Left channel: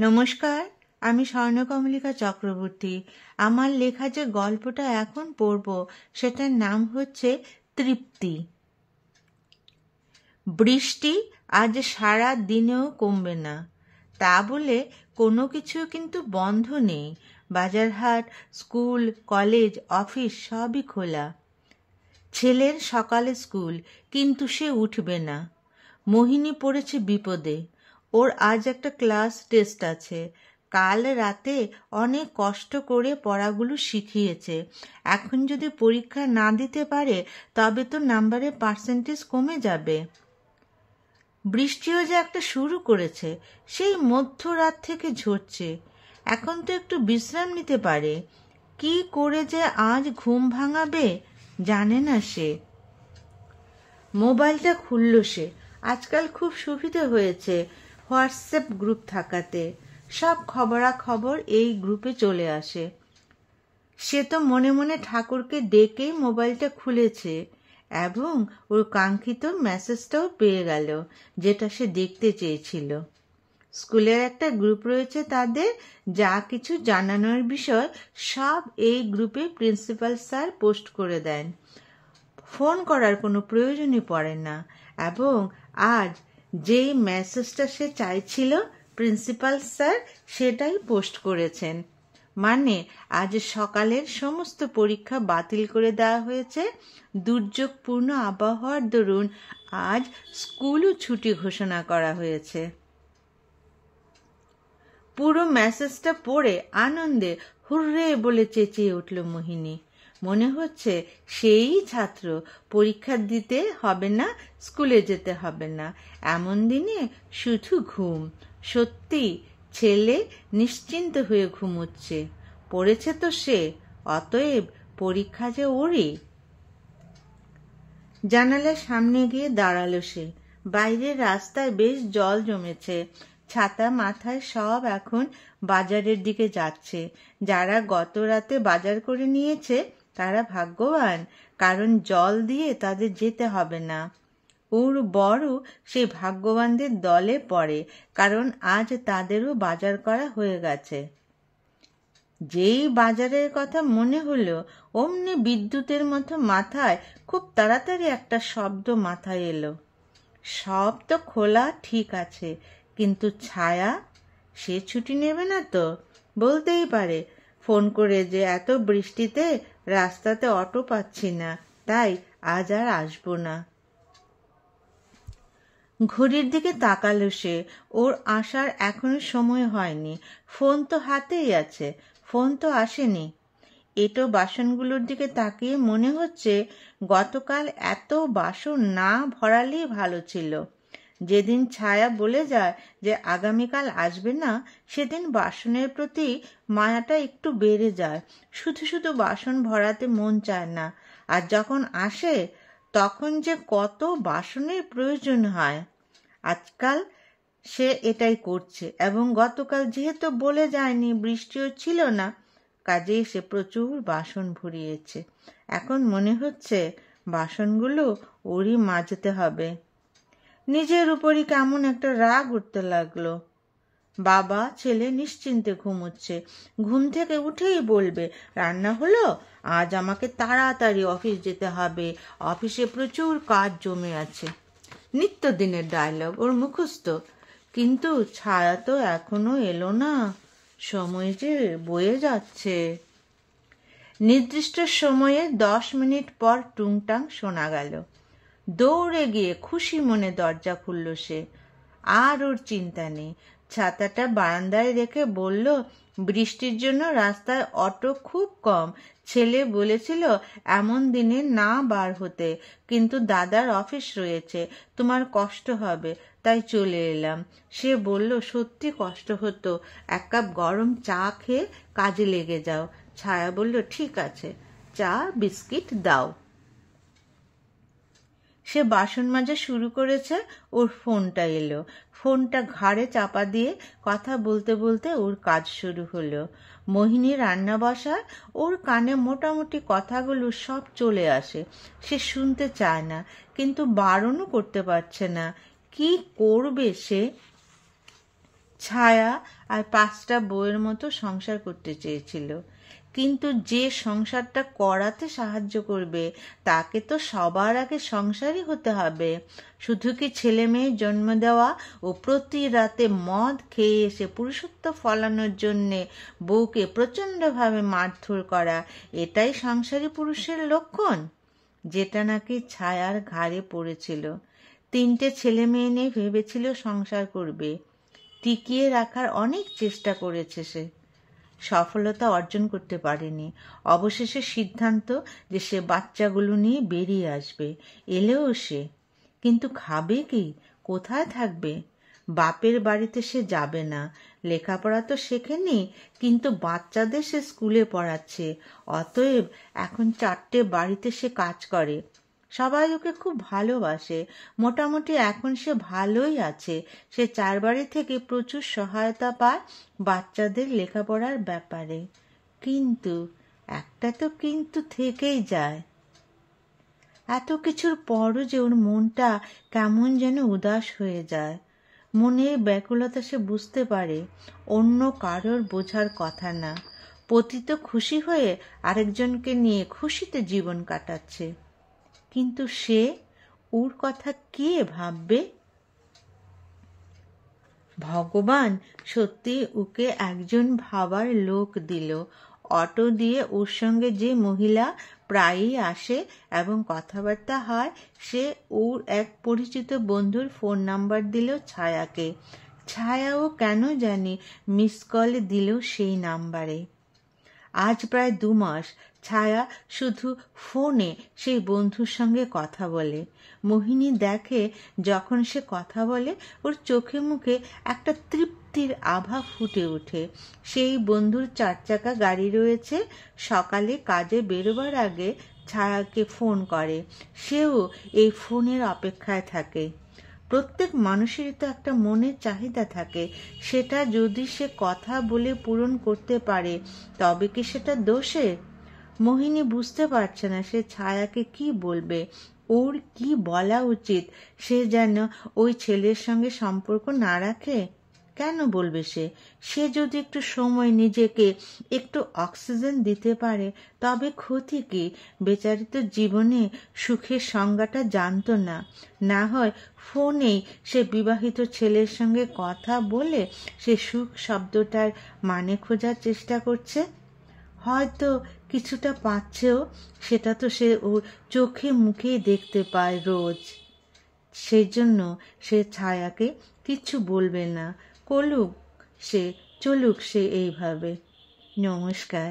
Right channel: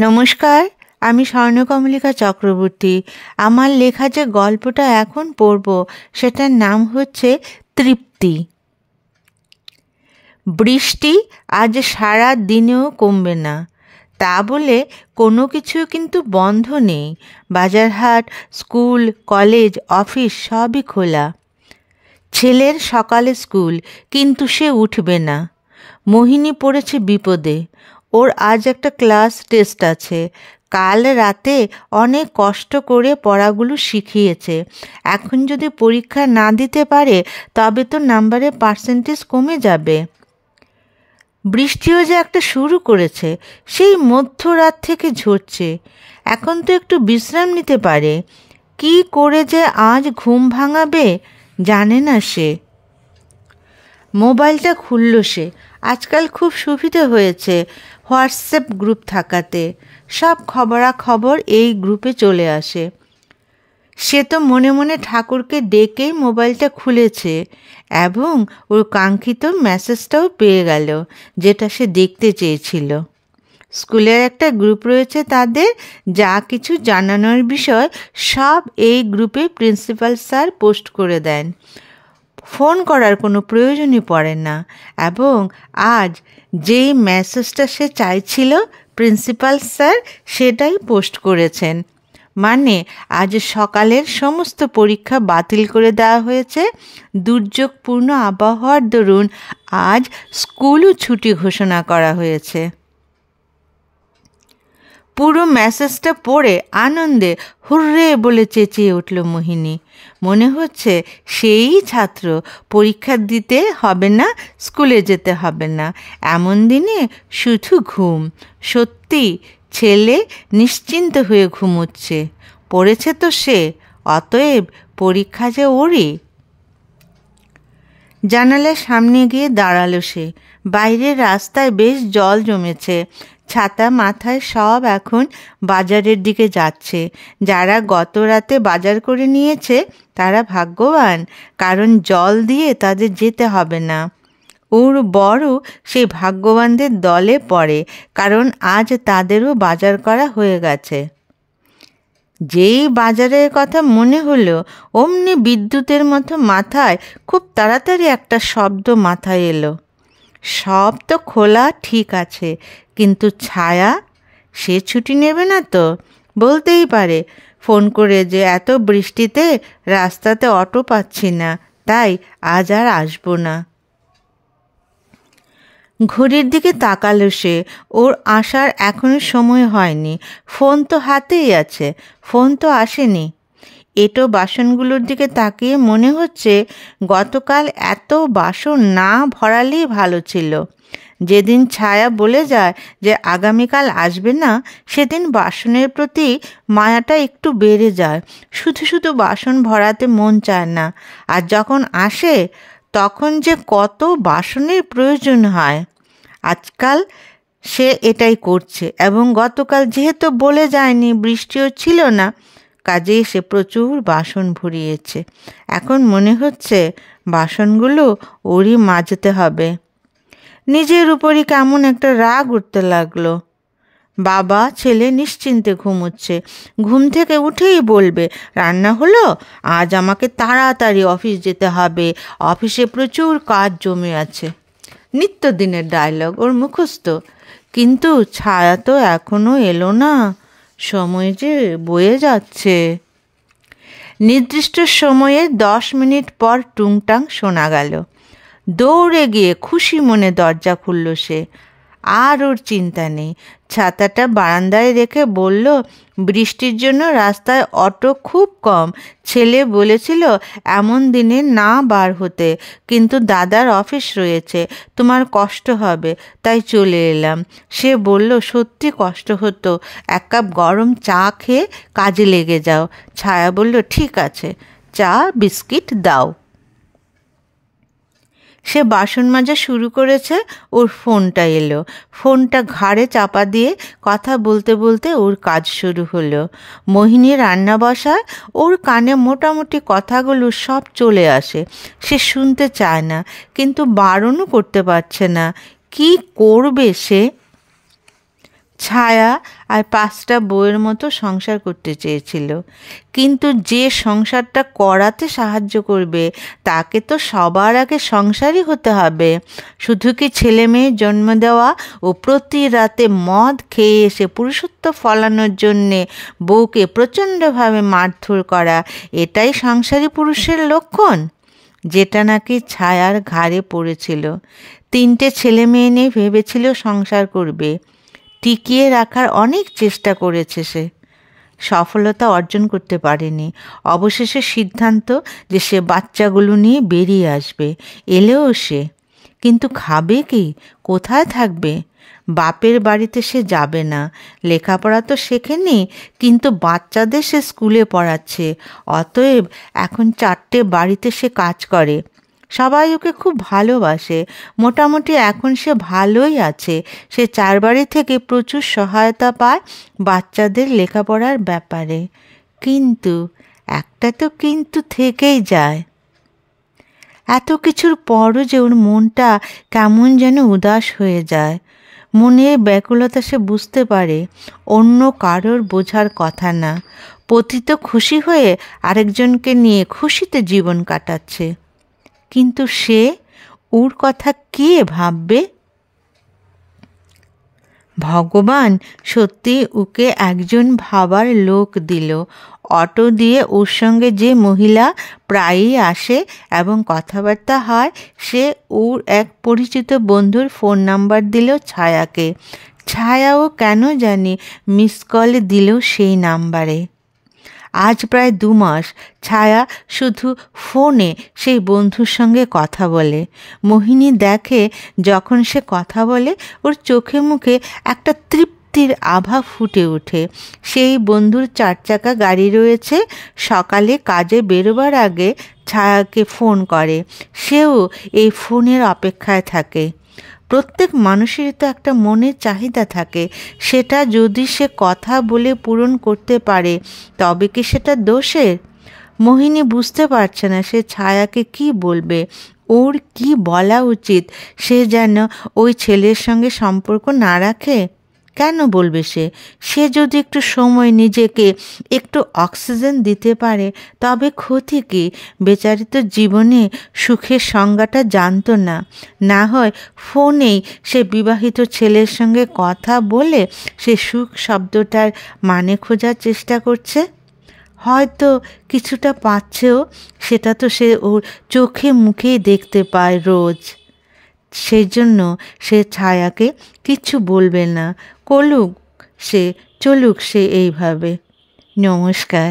নমস্কার, আমি স্বর্ণকমলিকা চক্রবর্তী। আমার লেখা যে গল্পটা এখন পড়ব সেটার নাম হচ্ছে তৃপ্তি। বৃষ্টি আজ সারা দিনেও কমবে না, তা বলে কোনো কিছু কিন্তু বন্ধ নেই। বাজারহাট, স্কুল, কলেজ, অফিস সবই খোলা। ছেলের সকালে স্কুল, কিন্তু সে উঠবে না। মোহিনী পড়েছে বিপদে। ওর আজ একটা ক্লাস টেস্ট আছে। কাল রাতে অনেক কষ্ট করে পড়াগুলো শিখিয়েছে। এখন যদি পরীক্ষা না দিতে পারে তবে তো নাম্বারের পার্সেন্টেজ কমে যাবে। বৃষ্টিও যে একটা শুরু করেছে, সেই মধ্যরাত থেকে ঝরছে। এখন তো একটু বিশ্রাম নিতে পারে। কি করে যে আজ ঘুম ভাঙাবে জানে না সে। মোবাইলটা খুলল সে। আজকাল খুব সুবিধা হয়েছে হোয়াটসঅ্যাপ গ্রুপ থাকাতে। সব খবরাখবর এই গ্রুপে চলে আসে। সে তো মনে মনে ঠাকুরকে ডেকেই মোবাইলটা খুলেছে এবং ওর কাঙ্ক্ষিত মেসেজটাও পেয়ে গেল, যেটা সে দেখতে চেয়েছিল। স্কুলের একটা গ্রুপ রয়েছে তাদের, যা কিছু জানানোর বিষয় সব এই গ্রুপে প্রিন্সিপাল স্যার পোস্ট করে দেন। ফোন করার কোনো প্রয়োজনই পড়ে না। এবং আজ যেই মেসেজটা সে চাইছিল প্রিন্সিপাল স্যার সেটাই পোস্ট করেছেন। মানে আজ সকালের সমস্ত পরীক্ষা বাতিল করে দেওয়া হয়েছে। দুর্যোগপূর্ণ আবহাওয়ার দরুন আজ স্কুলও ছুটি ঘোষণা করা হয়েছে। পুরো মেসেজটা পড়ে আনন্দে হুররে বলে চেঁচিয়ে উঠল মোহিনী। মনে হচ্ছে সেই ছাত্র, পরীক্ষা দিতে হবে না, স্কুলে যেতে হবে না। এমন দিনে শুধু ঘুম। সত্যি ছেলে নিশ্চিন্ত হয়ে ঘুমোচ্ছে। পড়েছে তো সে, অতএব পরীক্ষা যে ওরই। জানালার সামনে গিয়ে দাঁড়ালো সে। বাইরের রাস্তায় বেশ জল জমেছে। ছাতা মাথায় সব এখন বাজারের দিকে যাচ্ছে। যারা গত রাতে বাজার করে নিয়েছে তারা ভাগ্যবান, কারণ জল দিয়ে তাদের যেতে হবে না। ওর বড় সেই ভাগ্যবানদের দলে পড়ে, কারণ আজ তাদেরও বাজার করা হয়ে গেছে। যেই বাজারের কথা মনে হলো অমনি বিদ্যুতের মতো মাথায় খুব তাড়াতাড়ি একটা শব্দ মাথায় এলো। সব তো খোলা ঠিক আছে, কিন্তু ছায়া, সে ছুটি নেবে না তো? বলতেই পারে ফোন করে যে এত বৃষ্টিতে রাস্তাতে অটো পাচ্ছি না, তাই আজ আর আসবো না। ঘড়ির দিকে তাকালো সে। ওর আসার এখনো সময় হয়নি। ফোন তো হাতেই আছে, ফোন তো আসেনি। এঁটো বাসনগুলোর দিকে তাকিয়ে মনে হচ্ছে গতকাল এত বাসন না ভরালেই ভালো ছিল। যেদিন ছায়া বলে যায় যে আগামীকাল আসবে না, সেদিন বাসনের প্রতি মায়াটা একটু বেড়ে যায়। শুধু শুধু বাসন ভরাতে মন চায় না। আর যখন আসে তখন যে কত বাসনের প্রয়োজন হয়। আজকাল সে এটাই করছে, এবং গতকাল যেহেতু বলে যায়নি, বৃষ্টিও ছিল না, কাজেই সে প্রচুর বাসন ভরিয়েছে। এখন মনে হচ্ছে বাসনগুলো ওরই মাজতে হবে। নিজের উপরই কেমন একটা রাগ উঠতে লাগলো। বাবা ছেলে নিশ্চিন্তে ঘুমোচ্ছে। ঘুম থেকে উঠেই বলবে, রান্না হলো? আজ আমাকে তাড়াতাড়ি অফিস যেতে হবে, অফিসে প্রচুর কাজ জমে আছে। নিত্যদিনের ডায়লগ ওর মুখস্থ। কিন্তু ছায়া তো এখনো এলো না। সময় যে বয়ে যাচ্ছে। নির্দিষ্ট সময়ে 10 মিনিট পর টুংটাং শোনা গেল। দৌড়ে গিয়ে খুশি মনে দরজা খুলল সে। আর ওর চিন্তা নেই। ছাতাটা বারান্দায় রেখে বলল, বৃষ্টির জন্য রাস্তায় অটো খুব কম। ছেলে বলেছিল এমন দিনে না বার হতে, কিন্তু দাদার অফিস রয়েছে, তোমার কষ্ট হবে, তাই চলে এলাম। সে বলল, সত্যি কষ্ট হতো, এক কাপ গরম চা খেয়ে কাজে লেগে যাও। ছায়া বলল, ঠিক আছে, চা বিস্কিট দাও। সে বাসন মাজা শুরু করেছে। ওর ফোনটা এলো। ফোনটা ঘাড়ে চাপা দিয়ে কথা বলতে বলতে ওর কাজ শুরু হলো। মোহিনী রান্না বসায়। ওর কানে মোটামুটি কথাগুলো সব চলে আসে। সে শুনতে চায় না, কিন্তু বারণও করতে পারছে না। কি করবে সে? ছায়া আর 5টা বউয়ের মতো সংসার করতে চেয়েছিল। কিন্তু যে সংসারটা করাতে সাহায্য করবে তাকে তো সবার আগে সংসারই হতে হবে। শুধু কি ছেলে মেয়ে জন্ম দেওয়া ও প্রতি রাতে মদ খেয়ে এসে পুরুষত্ব ফলানোর জন্যে বউকে প্রচণ্ডভাবে মারধর করা এটাই সংসারী পুরুষের লক্ষণ? যেটা নাকি ছায়ার ঘাড়ে পড়েছিল। 3টে ছেলে মেয়ে নিয়ে ভেবেছিল সংসার করবে। টিকিয়ে রাখার অনেক চেষ্টা করেছে সে, সফলতা অর্জন করতে পারেনি। অবশেষে সিদ্ধান্ত যে সে বাচ্চাগুলো নিয়ে বেরিয়ে আসবে। এলেও সে, কিন্তু খাবে কি, কোথায় থাকবে? বাপের বাড়িতে সে যাবে না। লেখাপড়া তো শেখেনি, কিন্তু বাচ্চাদের সে স্কুলে পড়াচ্ছে। অতএব এখন 4টে বাড়িতে সে কাজ করে। সবাই ওকে খুব ভালোবাসে। মোটামুটি এখন সে ভালোই আছে। সে 4 বাড়ি থেকে প্রচুর সহায়তা পায় বাচ্চাদের লেখাপড়ার ব্যাপারে। কিন্তু একটা তো কিন্তু থেকেই যায়। এত কিছুর পরও যে ওর মনটা কেমন যেন উদাস হয়ে যায়। মনের ব্যাকুলতা সে বুঝতে পারে, অন্য কারোর বোঝার কথা না। পতিত খুশি হয়ে আরেকজনকে নিয়ে খুশিতে জীবন কাটাচ্ছে। কিন্তু সে, ওর কথা কে ভাববে? ভগবান সত্যি ওকে একজন ভাবার লোক দিল। অটো দিয়ে ওর সঙ্গে যে মহিলা প্রায়ই আসে এবং কথাবার্তা হয়, সে ওর এক পরিচিত বন্ধুর ফোন নাম্বার দিল ছায়াকে। ছায়াও কেন জানি মিস কল দিল সেই নাম্বারে। আজ প্রায় 2 মাস ছায়া শুধু ফোনে সেই বন্ধুর সঙ্গে কথা বলে। মোহিনী দেখে যখন সে কথা বলে ওর চোখে মুখে একটা তৃপ্তির আভা ফুটে ওঠে। সেই বন্ধুর 4 চাকা গাড়ি রয়েছে। সকালে কাজে বেরোবার আগে ছায়াকে ফোন করে। সেও এই ফোনের অপেক্ষায় থাকে। প্রত্যেক মানুষেরই তো একটা মনের চাহিদা থাকে। সেটা যদি সে কথা বলে পূরণ করতে পারে তবে কি সেটা দোষের? মোহিনী বুঝতে পারছে না সে ছায়াকে কি বলবে, ওর কি বলা উচিত। সে যেন ওই ছেলের সঙ্গে সম্পর্ক না রাখে। কেন বলবে সে? সে যদি একটু সময় নিজেকে একটু অক্সিজেন দিতে পারে তবে ক্ষতি কী? বেচারি তো জীবনে সুখের সংজ্ঞাটা জানতো না। না হয় ফোনেই সে বিবাহিত ছেলের সঙ্গে কথা বলে সে সুখ শব্দটার মানে খোঁজার চেষ্টা করছে। হয়তো কিছুটা পাচ্ছেও, সেটা তো সে ওর চোখে মুখেই দেখতে পায় রোজ। সেই জন্য সে ছায়াকে কিচ্ছু বলবে না। চলুক সে এইভাবে। নমস্কার।